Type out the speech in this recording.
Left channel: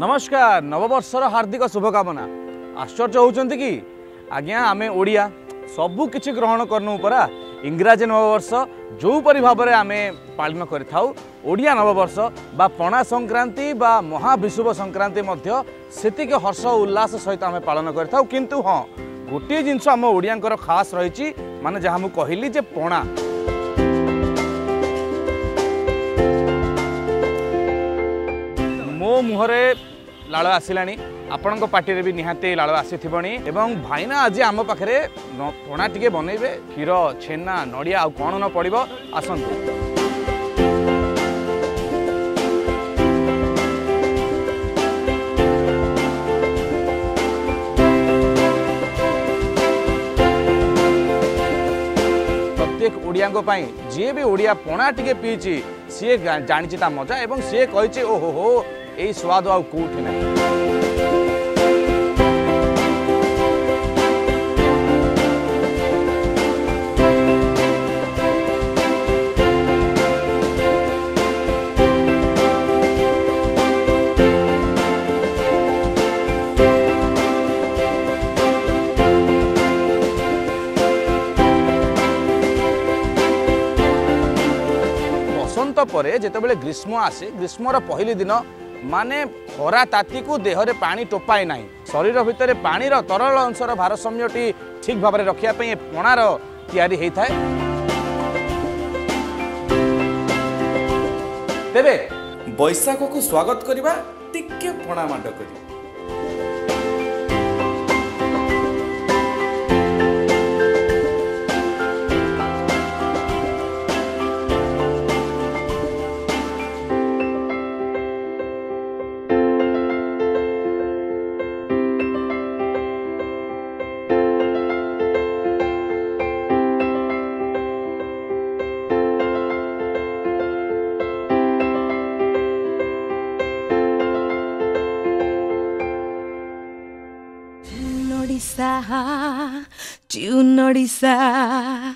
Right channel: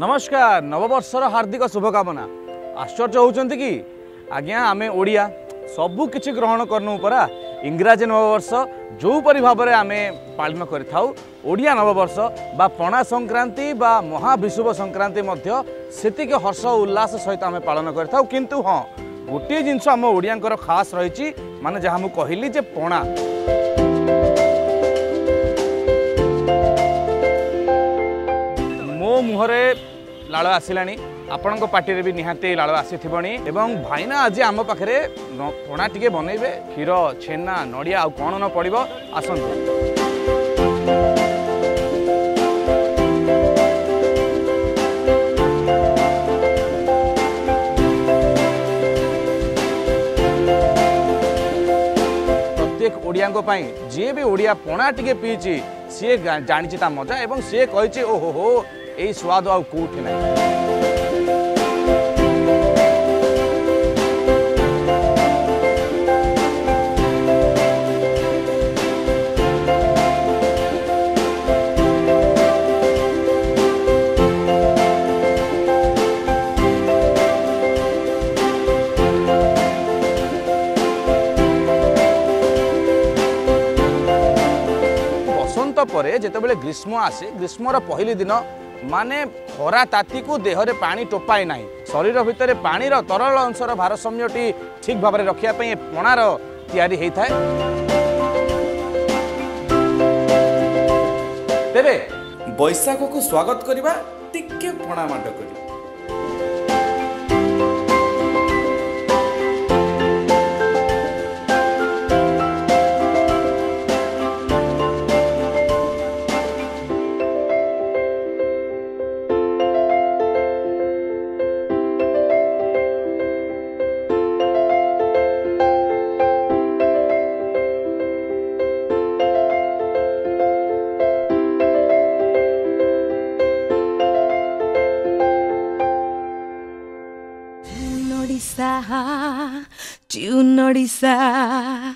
नमस्कार नववर्षर हार्दिक शुभकामना। आश्चर्य होउछन्ति कि आज्ञा आमे ओडिया सबु किछि ग्रहण करनु परा इंग्राजी नववर्ष जो परि भाबरे आमे पालन करिथाउ ओडिया नववर्ष बा पणा संक्रांति बा महाविषुव संक्रांति मध्य सेतिके हर्ष उल्लास सहित आमे पालन करिथाउ। किंतु हाँ गोटे जिनस आम ओडियांकर खास रही माने जहाँ मु कहली जे पणा मो मुहरे लाल आसिलानी आपण पार्टी भी निहाती लाल आसीथबणी एवं भाईना आज आम पाखे पणा टिके बनइबे क्षीर छेना नड़िया आउ कौन न पड़ो आसतु। प्रत्येक ओडिया जी भी ओडिया पणा टिके पीची सी जानी ता मजा एवं सी कही ओहो हो यही स्वाद आउ कौटी ना। बसंत परे जेतेबेले ग्रीष्म आसे ग्रीष्मर पहली दिन माने खरा ताती को देहरे पानी टोपाए ना शरीर भितर पानी तरल अंशर भारसाम्यटी ठीक भाव में रखापी पणार तैयारी होता है। तेरे बैसाख को स्वागत करवा टिके पणा माड करी Tune Odisha,